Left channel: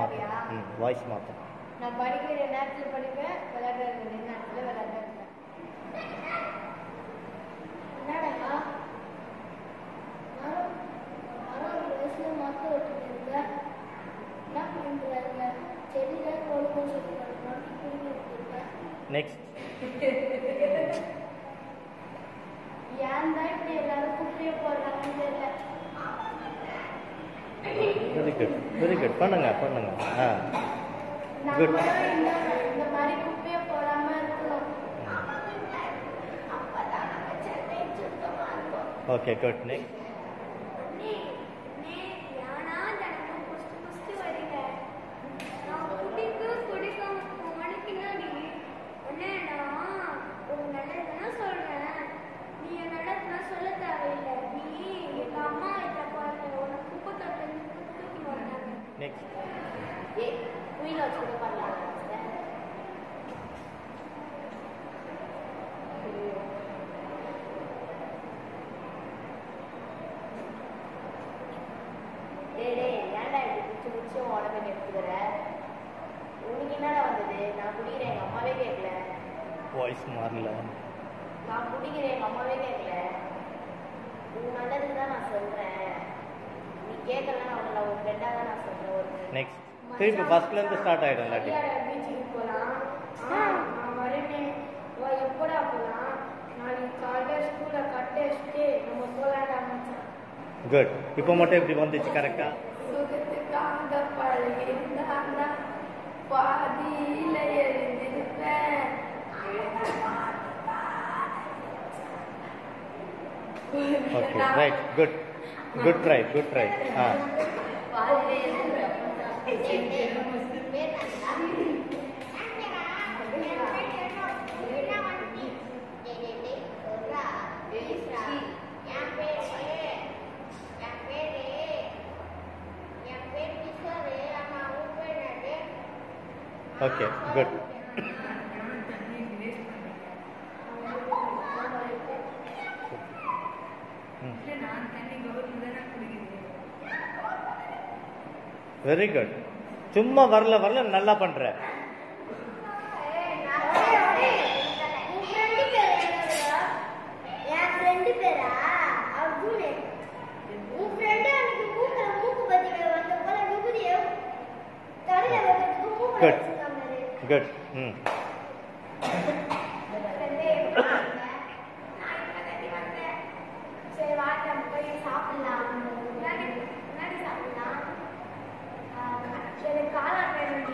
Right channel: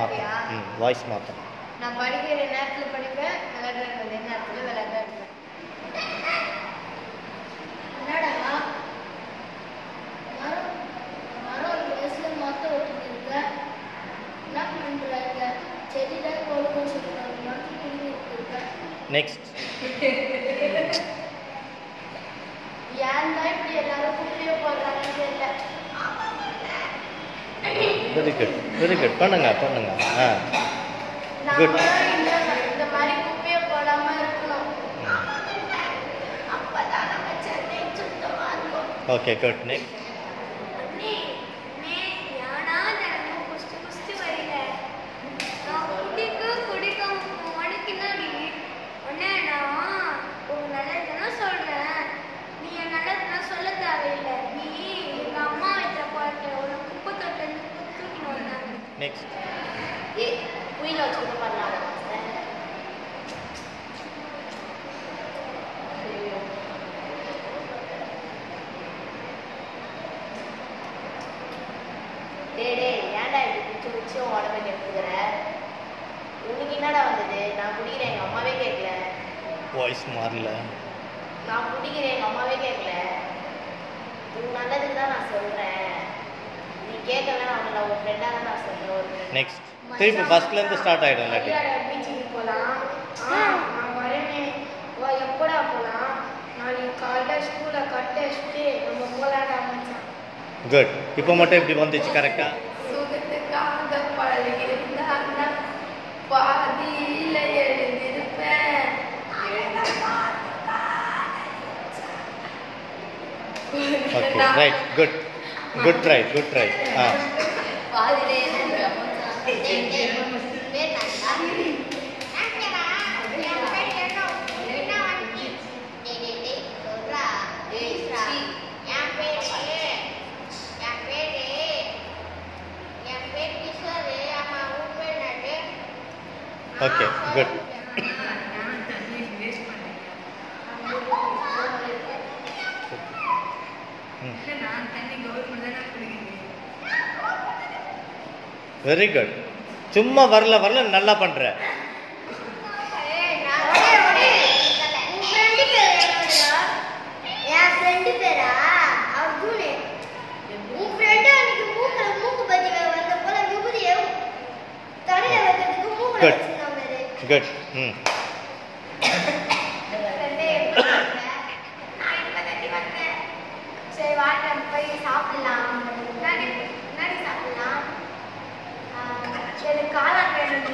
மாற்றேன். Voice மாற்றேன். நான் படிக்கிற நேரத்தில் படிப்பேன், விளையாடுற நேரத்தில் விளையாட இருப்பேன். என்னடா மரம் வயசில் மாற்ற விட்டுட்டு இருக்க, என்ன பண்ணுறாங்க? செடியில் கொழுக்கும் சொல்லுறாங்க, இருக்க. நெக்ஸ்ட். ஏன் தான் இப்படி எல்லாரும் குப்பையை போடுறாங்கன்னு தெரியல. Very good, very good. பண்ணுங்க பண்ணுங்க. குட். இந்த மாதிரி குப்பையை போடாம இருக்கணும். அப்பதான் நம்ம சென்னை சுத்தமா இருக்கும். Okay, good. நெக்ஸ்ட். நெக்ஸ்ட். குயில வச்சுக்கிட்டு பண்ணலாம். டேடே ஏன்டா இப்படி பிடிச்சி பிடிச்சி உடம்பு எடுத்துக்கிற? உனக்கு என்னடா வந்தது? நான் குடிக்கிறேன், எங்கள் அம்மாவே கேட்கல. வாய்ஸ் மாறல. நான் குடிக்கிறேன், எங்கள் அம்மாவே கேட்கல. உன் நல்லதுக்கு தான் நான் சொல்கிறேன். நீ கேட்கலன்னா அவங்கள ஒரு ஃப்ரெண்டாக தான் நான் சொல்கிறேன். நெக்ஸ்ட். திருப்பி ஃபர்ஸ்ட்லேருந்து ஸ்டார்ட் ஆகிடும். இல்லாட்டி பீச்சுக்கு போகலாம். நான் வரேனே. எப்படா போகலாம்? நாளைக்கு காலைல ஸ்கூலை கட்ட வச்சுட்டு நம்ம போகலாடா மச்சான். குட். இப்போ மட்டும் இப்படி வந்துச்சு கரெக்டா? சுகத்துக்காக பழகி இருந்தா பாதியில் எழுந்திருப்பேன். Okay, right. Good. Good try, good try. Okay, good. Very good. சும்மா வரல வரல நல்லா பண்ற. Good good. சரி வாங்க போய் சாப்பிடலாம். முன்னாடி சாப்பிடலாம். எனக்கு காளான் வேணும்.